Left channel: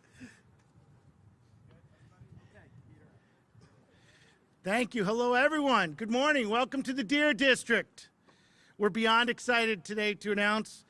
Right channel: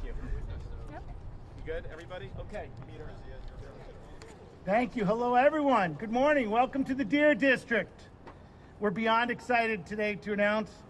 Thank you. You good, everybody? Okay, Peter. Thank you. Hello, everyone. Good morning. Welcome to the Deer District. We're beyond excited today to announce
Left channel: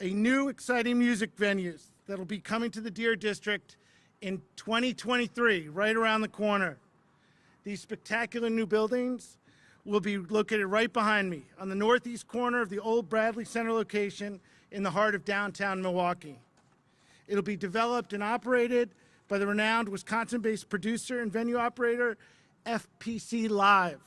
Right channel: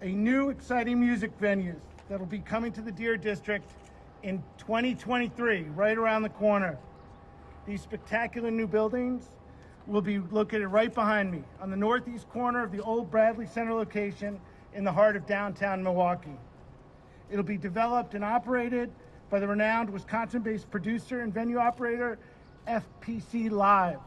a new exciting music venues that'll be coming to the Deer District in 2023, right around the corner. These spectacular new buildings will be located right behind me on the northeast corner of the old Bradley Center location in the heart of downtown Milwaukee. It'll be developed and operated by the renowned Wisconsin-based producer and venue operator FPC Live,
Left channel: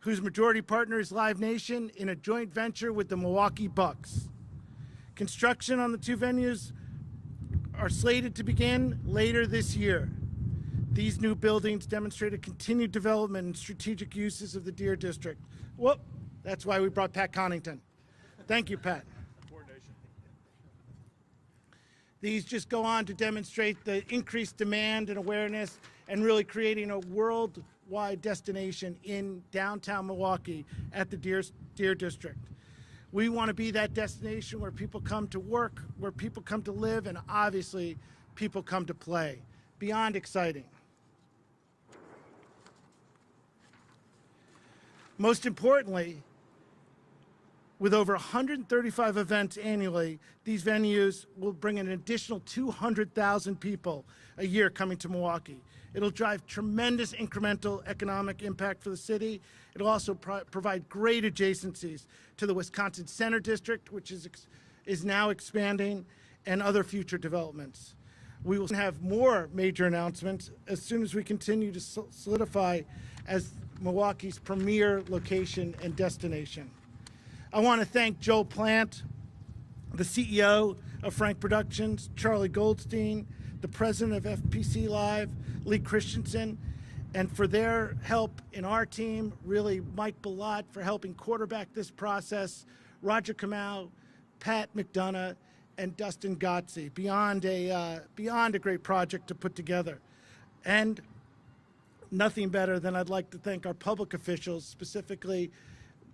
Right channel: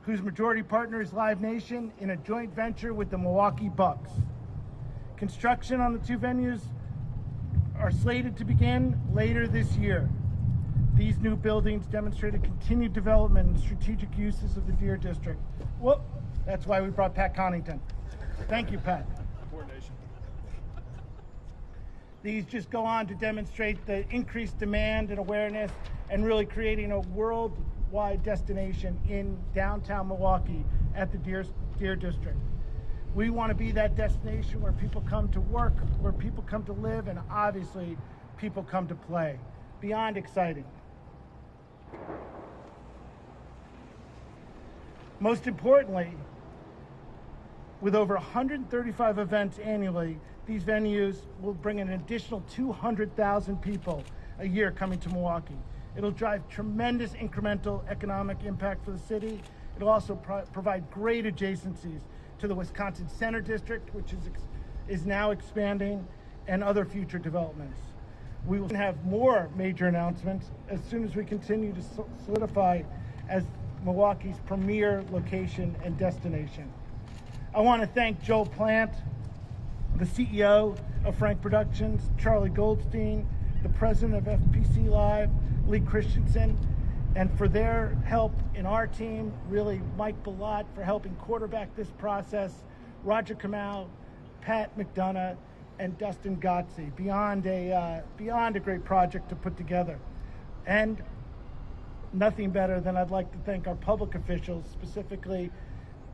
whose majority partner is Live Nation in a joint venture with the Milwaukee Bucks. Construction on the two venues are slated to begin later this year. These new buildings demonstrate a continued development and strategic uses of the Deer District. Whoop, that's why we brought Pat Connington. Thank you, Pat. These just go on to demonstrate the increased demand and awareness and really creating a worldwide destination in downtown Milwaukee at the Deer District. We want to be that destination where people come to work, where people come to live, and obviously people come to play. Beyond exciting. Most importantly, with over 135 events annually, these venues will bring an additional 200,000 people a year coming to Milwaukee. It'll drive tremendous incremental economic impact for the city. It'll also provide great adjacencies to the Wisconsin Center District, which is now expanding, and other future developments. We will have more major announcements as soon as we continue to solidify as Milwaukee's premier location and destination. I want to thank Joe Plant, the CEO of Frank Productions, Charlie Goldstein, the president of FPC Live, Lee Christensen, and for their help in our team, really Mike Bellot for helping quarterback this process, Roger Kamau, Pat McDonough, and Dustin Gotze. Beyond a great project to put together. And nothing better than I'd like to thank our public officials, specifically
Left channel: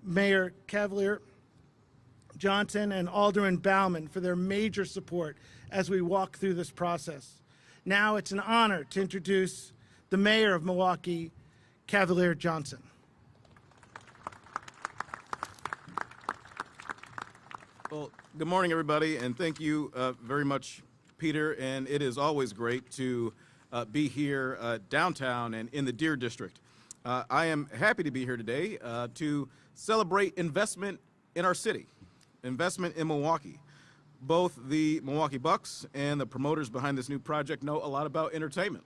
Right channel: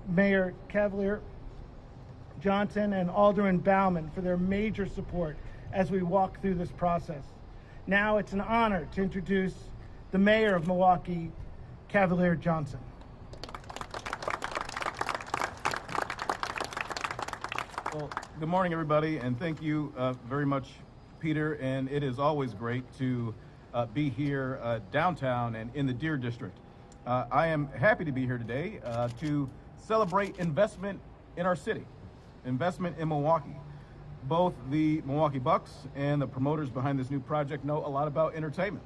Mayor Cavalier Johnson and Alderman Bauman for their major support as we walk through this process. Now it's an honor to introduce the Mayor of Milwaukee, Cavalier Johnson. Well, good morning, everybody, and thank you very much, Peter. And it is always great to be here downtown and in the Deer District. I am happy to be here today to celebrate investment in our city, investment in Milwaukee. Both the Milwaukee Bucks and the promoters behind this new project know a lot about entertainment.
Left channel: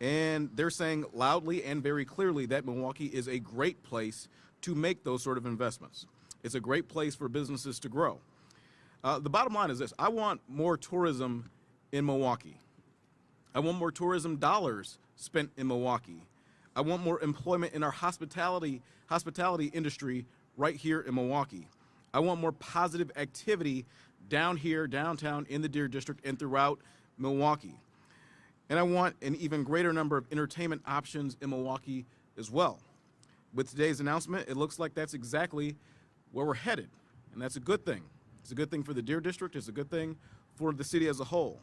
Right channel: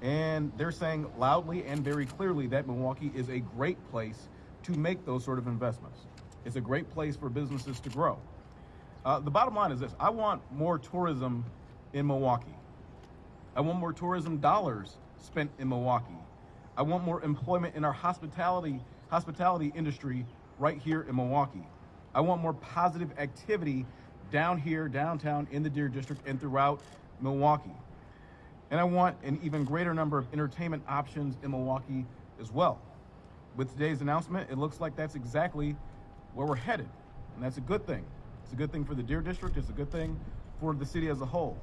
And they're saying loudly and very clearly that Milwaukee is a great place to make those sort of investments. It's a great place for businesses to grow. The bottom line is this: I want more tourism in Milwaukee. I want more tourism dollars spent in Milwaukee. I want more employment in our hospitality industry right here in Milwaukee. I want more positive activity down here, downtown, in the Deer District and throughout Milwaukee. And I want an even greater number of entertainment options in Milwaukee as well. With today's announcement, it looks like that's exactly where we're headed, and that's a good thing. It's a good thing for the Deer District. It's a good thing for the city as a whole.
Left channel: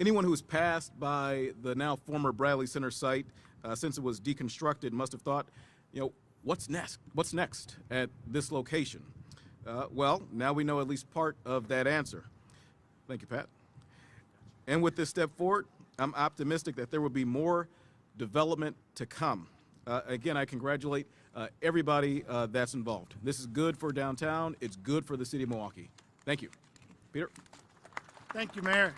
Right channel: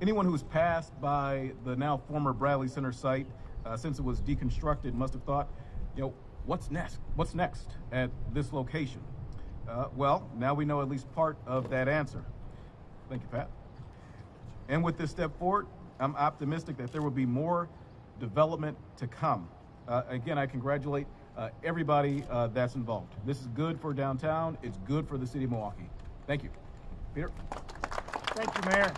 Anyone who's passed by the now former Bradley Center site since it was deconstructed must have thought, what's next? What's next at this location? Well, now we know at least part of that answer. Thank you, Pat. And with this step forward, I'm optimistic that there will be more development to come. Again, I congratulate everybody that's involved. This is good for downtown. It's good for the city of Milwaukee. Thank you. Peter? Thank you, Mayor.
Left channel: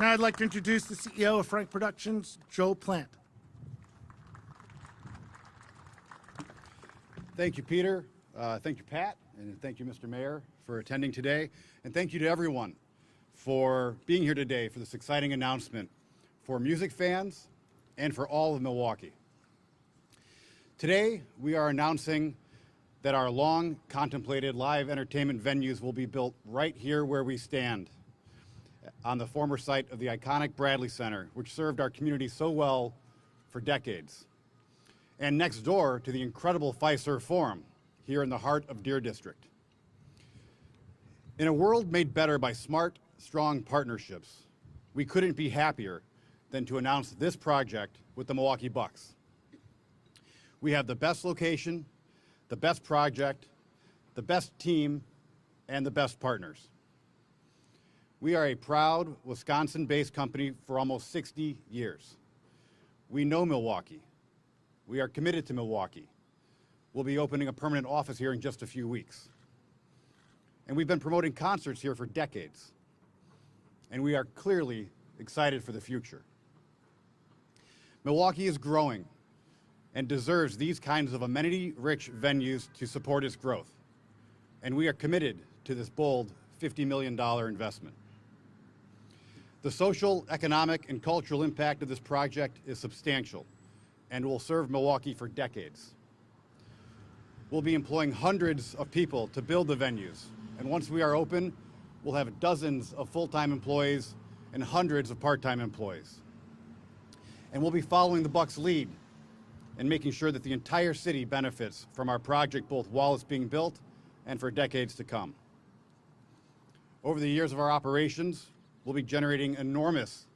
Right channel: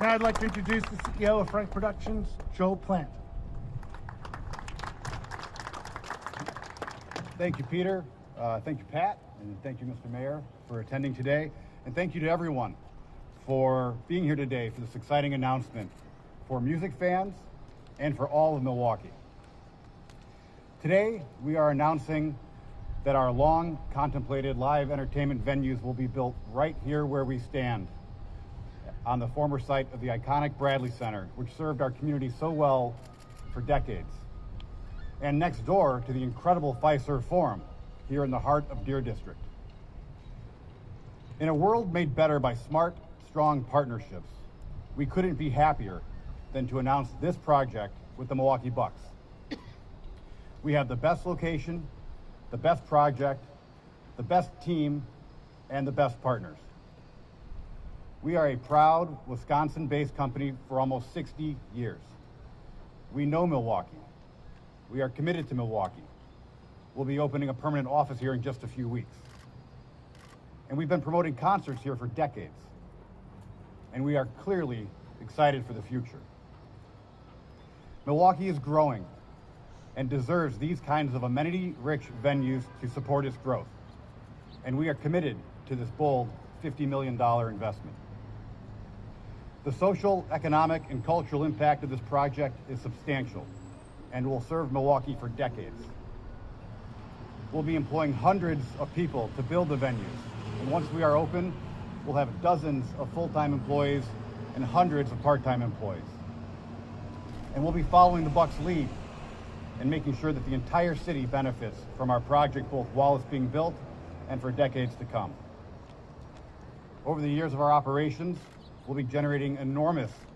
Now I'd like to introduce the CEO of Frank Productions, Joe Plant. Thank you, Peter. Thank you, Pat. And thank you, Mr. Mayor, for attending today. And thank you to everyone for being here today for this exciting announcement for music fans and for all of Milwaukee. Today, we are announcing that our long contemplated live entertainment venues will be built right here where we stand on the former site of the iconic Bradley Center, which served our community so well for decades, and next door to the incredible Fiserv Forum here in the heart of Deer District. In a world made better by smart, strong partnerships, we couldn't be happier than to announce this project with the Milwaukee Bucks. We have the best location, the best project, the best team, and the best partners. We are a proud Wisconsin-based company for almost 60 years. We know Milwaukee. We are committed to Milwaukee. We'll be opening a permanent office here in just a few weeks. And we've been promoting concerts here for decades. And we are clearly excited for the future. Milwaukee is growing and deserves these kinds of amenity-rich venues to support its growth. And we are committed to this bold $50 million investment. The social, economic, and cultural impact of this project is substantial and will serve Milwaukee for decades. We'll be employing hundreds of people to build the venues, and once we are open, we'll have dozens of full-time employees and hundreds of part-time employees. And we'll be following the Bucks' lead and making sure that the entire city benefits from our project both while it's being built and for decades to come. Over the years of our operations, we'll be generating enormous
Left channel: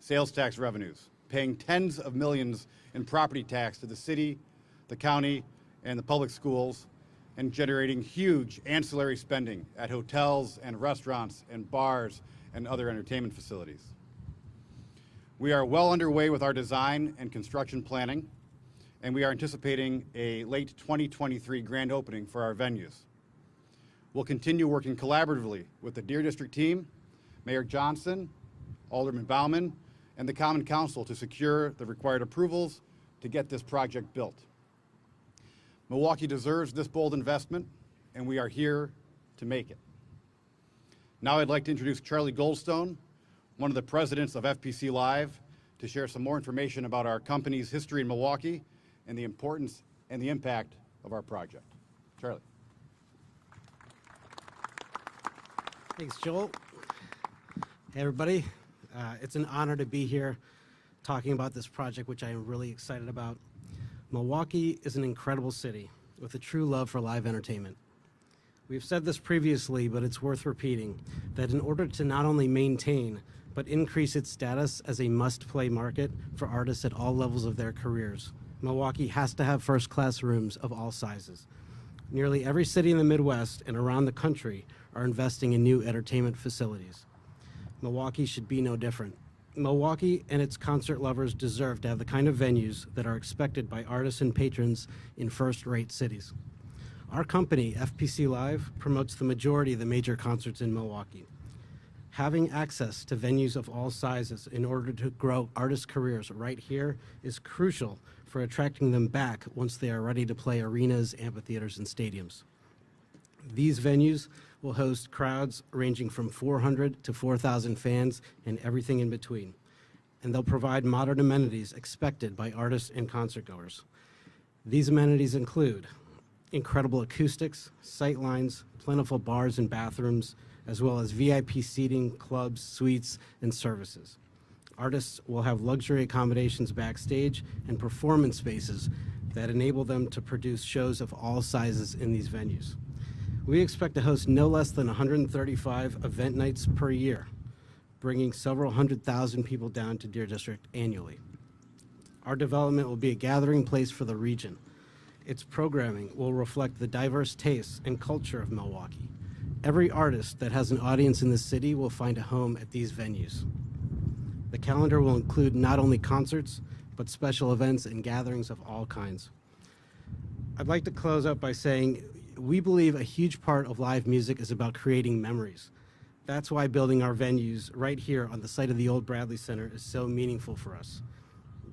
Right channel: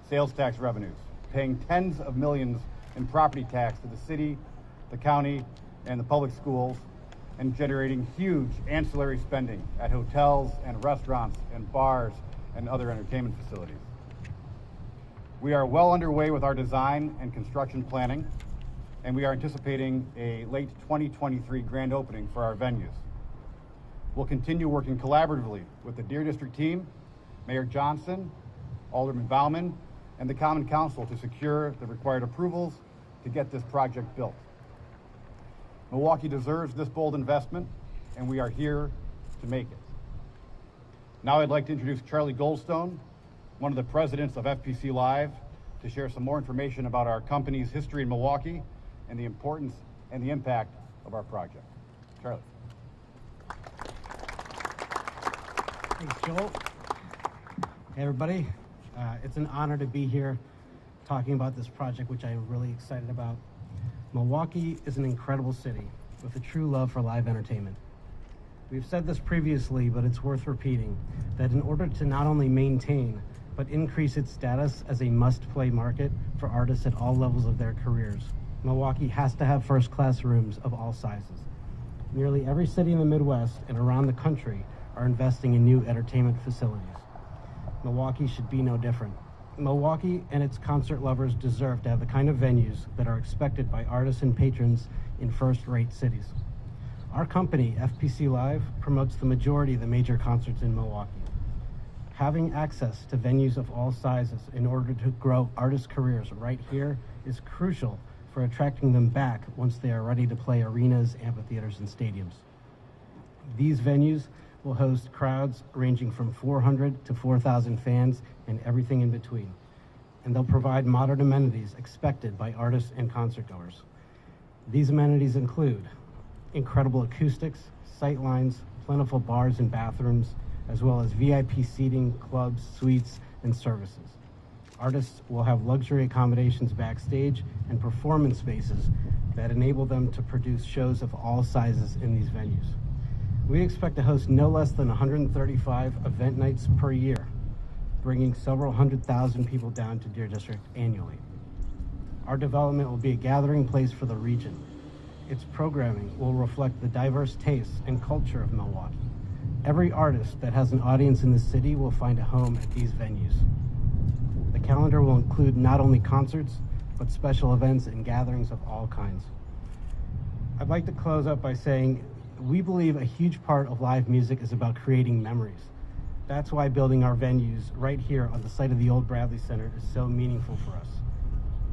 sales tax revenues, paying tens of millions in property tax to the city, the county, and the public schools, and generating huge ancillary spending at hotels and restaurants and bars and other entertainment facilities. We are well underway with our design and construction planning, and we are anticipating a late 2023 grand opening for our venues. We'll continue working collaboratively with the Deer District team, Mayor Johnson, Alderman Bauman, and the Common Council to secure the required approvals to get this project built. Milwaukee deserves this bold investment, and we are here to make it. Now I'd like to introduce Charlie Goldstone, one of the presidents of FPC Live, to share some more information about our company's history in Milwaukee and the importance and the impact of our project. Charlie. Thanks, Joel. Hey, everybody. It's an honor to be here talking about this project, which I am really excited about. Milwaukee is an incredible city with a true love for live entertainment. We've said this previously, but it's worth repeating, that in order to not only maintain, but increase its status as a must-play market for artists at all levels of their careers, Milwaukee has to have first-class rooms of all sizes. Nearly every city in the Midwest and around the country are investing in new entertainment facilities. Milwaukee should be no different. Milwaukee and its concert lovers deserve to have the kind of venues that are expected by artists and patrons in first-rate cities. Our company, FPC Live, promotes the majority of the major concerts in Milwaukee. Having access to venues of all sizes in order to grow artists' careers right here is crucial for attracting them back once they are ready to play arenas, amphitheaters, and stadiums. These venues will host crowds ranging from 400 to 4,000 fans and everything in between. And they'll provide modern amenities expected by artists and concertgoers. These amenities include incredible acoustics, sight lines, plentiful bars and bathrooms, as well as VIP seating, clubs, suites, and services. Artists will have luxury accommodations backstage and performance spaces that enable them to produce shows of all sizes in these venues. We expect to host no less than 135 event nights per year, bringing several 100,000 people down to Deer District annually. Our development will be a gathering place for the region. Its programming will reflect the diverse tastes and culture of Milwaukee. Every artist that has an audience in the city will find a home at these venues. The calendar will include not only concerts, but special events and gatherings of all kinds. I'd like to close up by saying we believe a huge part of live music is about creating memories. That's why building our venues right here on the site of the old Bradley Center is so meaningful for us.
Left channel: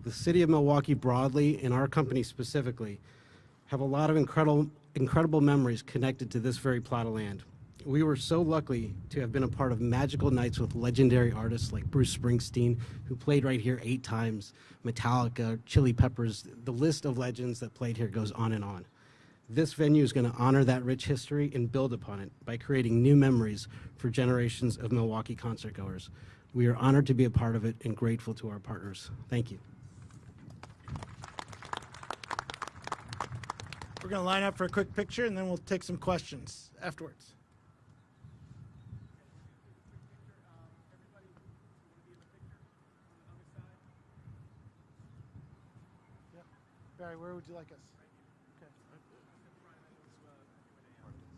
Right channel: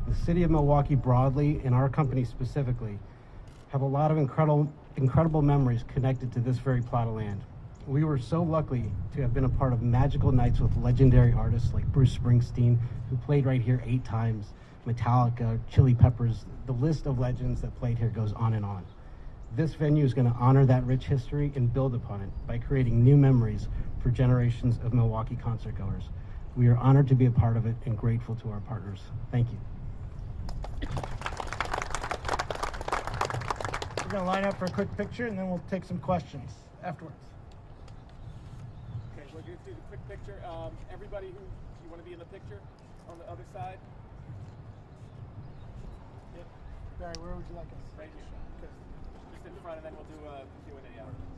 The city of Milwaukee broadly, and our company specifically, have a lot of incredible memories connected to this very plot of land. We were so lucky to have been a part of magical nights with legendary artists like Bruce Springsteen, who played right here 8 times, Metallica, Chili Peppers. The list of legends that played here goes on and on. This venue is going to honor that rich history and build upon it by creating new memories for generations of Milwaukee concertgoers. We are honored to be a part of it and grateful to our partners. Thank you. We're going to line up for a quick picture, and then we'll take some questions afterwards. Okay, we'll do let's do the quick picture. Everybody who, do you want to be in the picture on the other side? Yep. Barry, where would you like us? Right here. Okay. Just in front, and then we'll do a Q&A afterwards.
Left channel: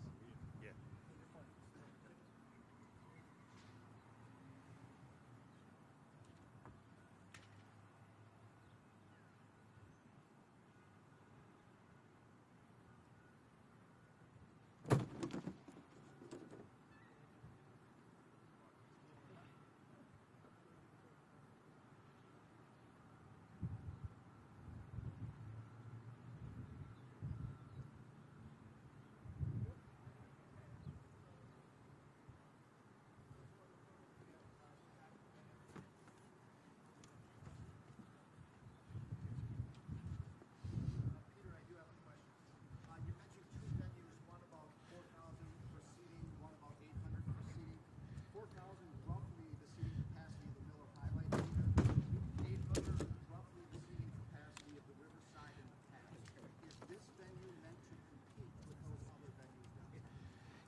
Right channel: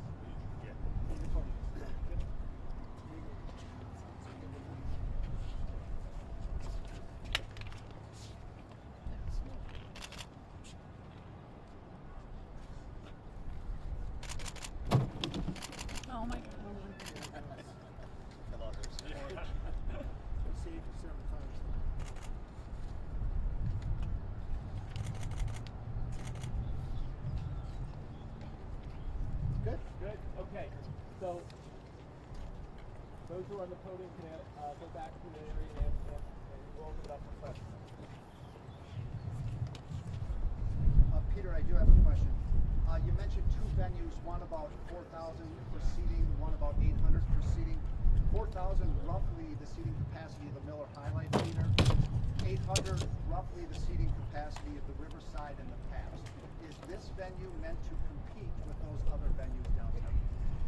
Oh my God. Good. Good. Okay. So those who are on the podium can go back to the area and we'll open it up for questions. Peter, I do have a question. You mentioned two venues, one about 4,000 for seating, one about 800 for seating. 4,000 roughly the seating capacity of the Miller Highlight Theater. 800 roughly the seating capacity of the Riverside and the Pabst. Is this venue meant to compete with those other venues downtown?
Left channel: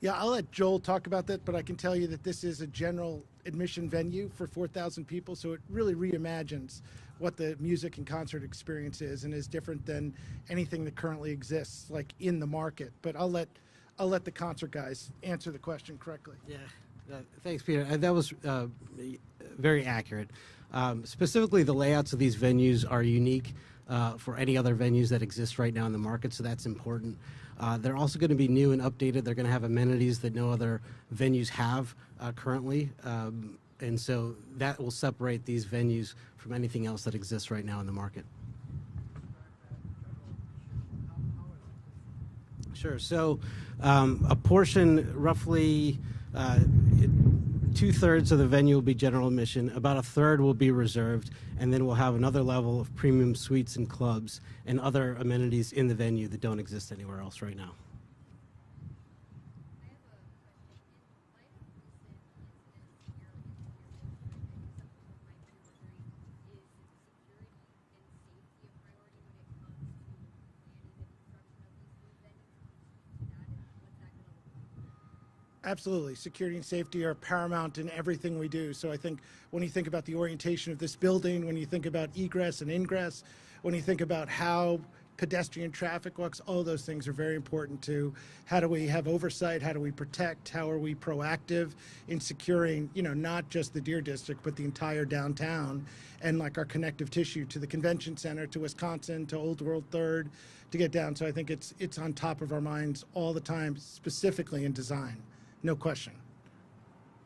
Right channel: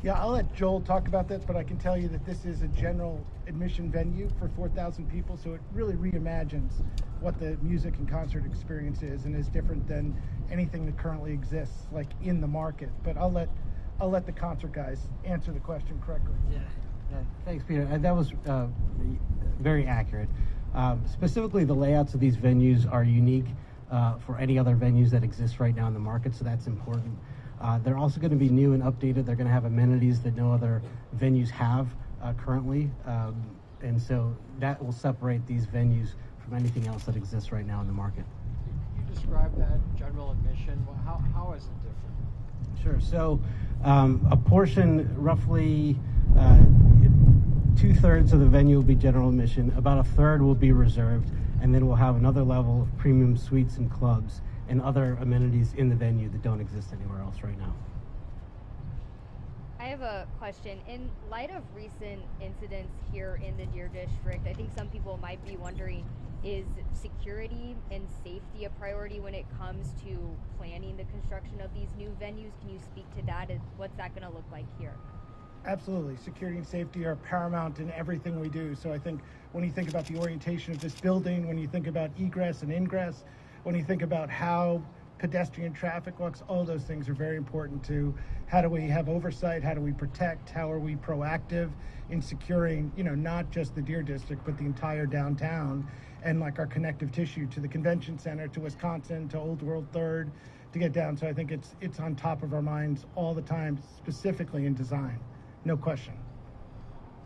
Yeah, I'll let Joel talk about that, but I can tell you that this is a general admission venue for 4,000 people, so it really reimagines what the music and concert experience is and is different than anything that currently exists, like in the market. But I'll let the concert guys answer the question correctly. Yeah, thanks, Peter. And that was very accurate. Specifically, the layouts of these venues are unique for any other venues that exist right now in the market, so that's important. They're also going to be new and updated. They're going to have amenities that no other venues have currently, and so that will separate these venues from anything else that exists right now in the market. You described that general admission. Well, how is it different? Sure. So a portion, roughly 2/3 of the venue will be general admission, about 1/3 will be reserved, and then we'll have another level of premium suites and clubs and other amenities in the venue that don't exist anywhere else right now. I have a question. In light of recent incidents here in the Deer District, I think some people might be wondering, is security and safety a priority when it comes to planning the construction of these new venues? Can you speak to that? What's that going to look like here? Absolutely. Security and safety are paramount in everything we do. So I think when you think about the orientation of this building, when you think about egress and ingress, when you think about how pedestrian traffic works, all those things are very important to how do we have oversight, how do we protect, how are we proactive in securing, not just the Deer District, but the entire downtown and like our connective tissue to the convention center, to Wisconsin, to Old World Third, to get down. So I think it's on top of our minds all the time, specifically in design. No question.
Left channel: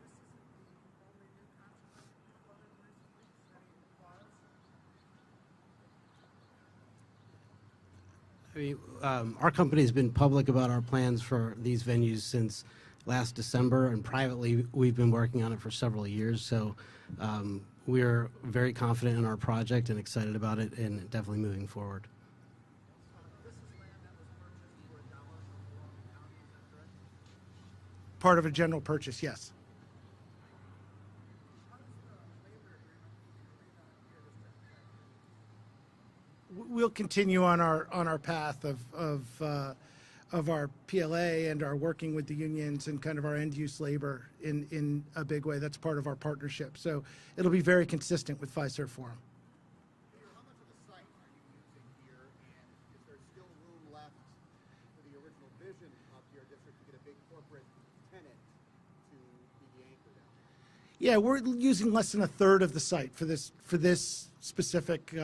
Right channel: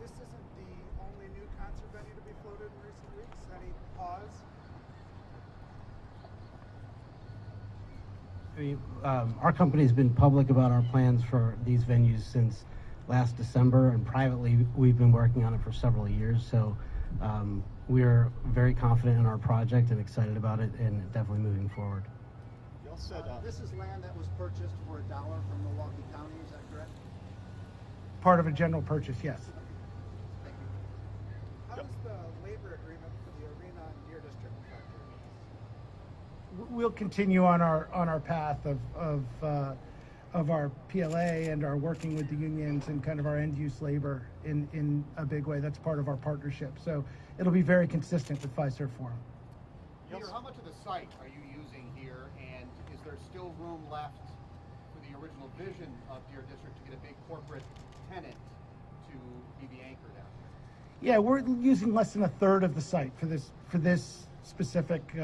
This isn't the only new concert venue to be floated in recent weeks. Any pause? Our company has been public about our plans for these venues since last December, and privately we've been working on it for several years. So we're very confident in our project and excited about it, and definitely moving forward. You all said this is land that was purchased for $1 from Milwaukee County. Is that correct? Part of a general purchase, yes. Thank you. How does the labor agreement for the arena and Deer District factor into this? We'll continue on our path of our PLA and our working with the unions and kind of our end use labor in a big way. That's part of our partnership. So it'll be very consistent with Fiserv Forum. Peter, how much of the site are you using here, and is there still room left for the original vision of Deer District to get a big corporate tenant to be the anchor down here? Yeah, we're using less than 1/3 of the site for this specific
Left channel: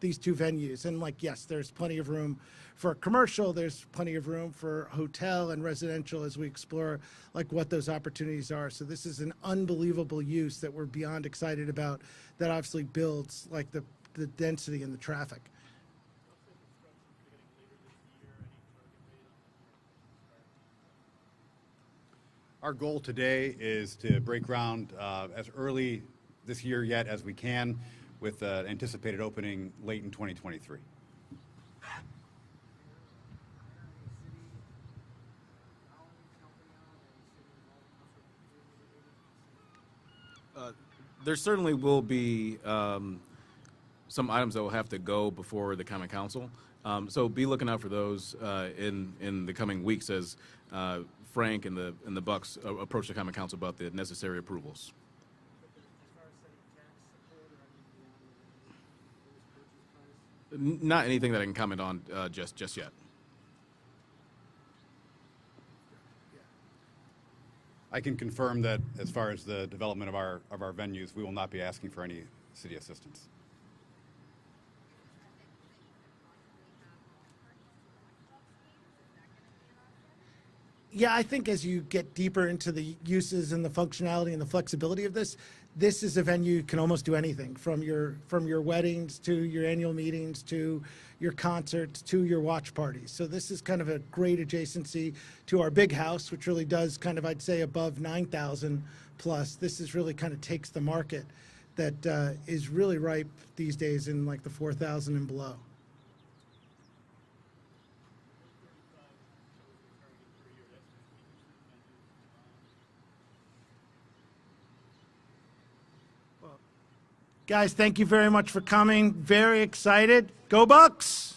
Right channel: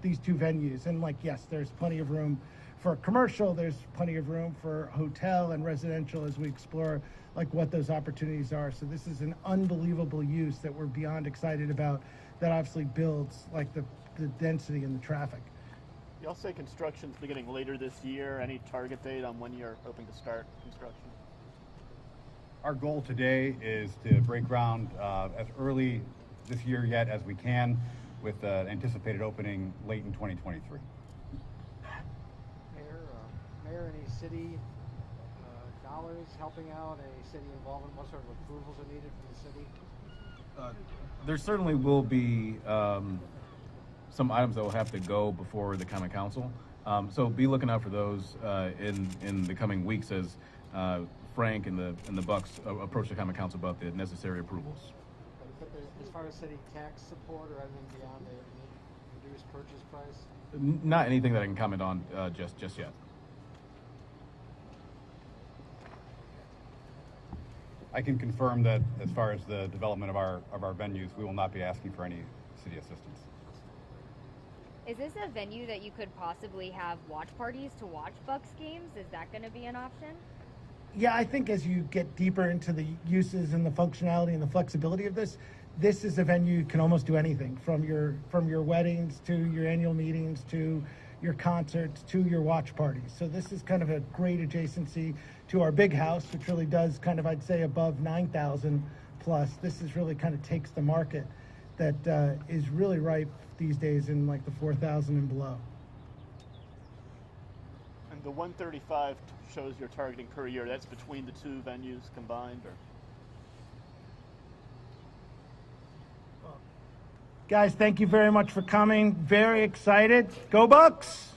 these two venues, and yes, there's plenty of room for commercial. There's plenty of room for hotel and residential as we explore what those opportunities are. So this is an unbelievable use that we're beyond excited about. That obviously builds the density and the traffic. You all say construction's beginning later this year. Any target date on when you're hoping to start construction? Our goal today is to break ground as early this year yet as we can, with anticipated opening late in 2023. Mayor, any city dollars helping out? Any city involvement? What sort of approvals are needed from the city? There certainly will be some items that will have to go before the common council. So be looking out for those in the coming weeks as Frank and the Bucks approach the Common Council about the necessary approvals. But as far as city tax support or anything beyond the reduced purchase price? Not anything that I can comment on just yet. I can confirm that as far as the development of our venues, we will not be asking for any city assistance. Is this a venue that you could possibly have watch parties to watch Bucks games? Is that going to be an option? Yeah, I think as you get deeper into the uses and the functionality and the flexibility of this, this is a venue you can almost do anything from your weddings to your annual meetings to your concerts to your watch parties. So this is kind of a great adjacency to our big house, which really does kind of, I'd say, above 9,000 plus. This is really kind of takes the market that is really ripe these days in like the 4,000 and below. And the 135 shows you're targeting per year. That's between the two venues combined, or? Guys, thank you very much for coming. Very excited. Go Bucks!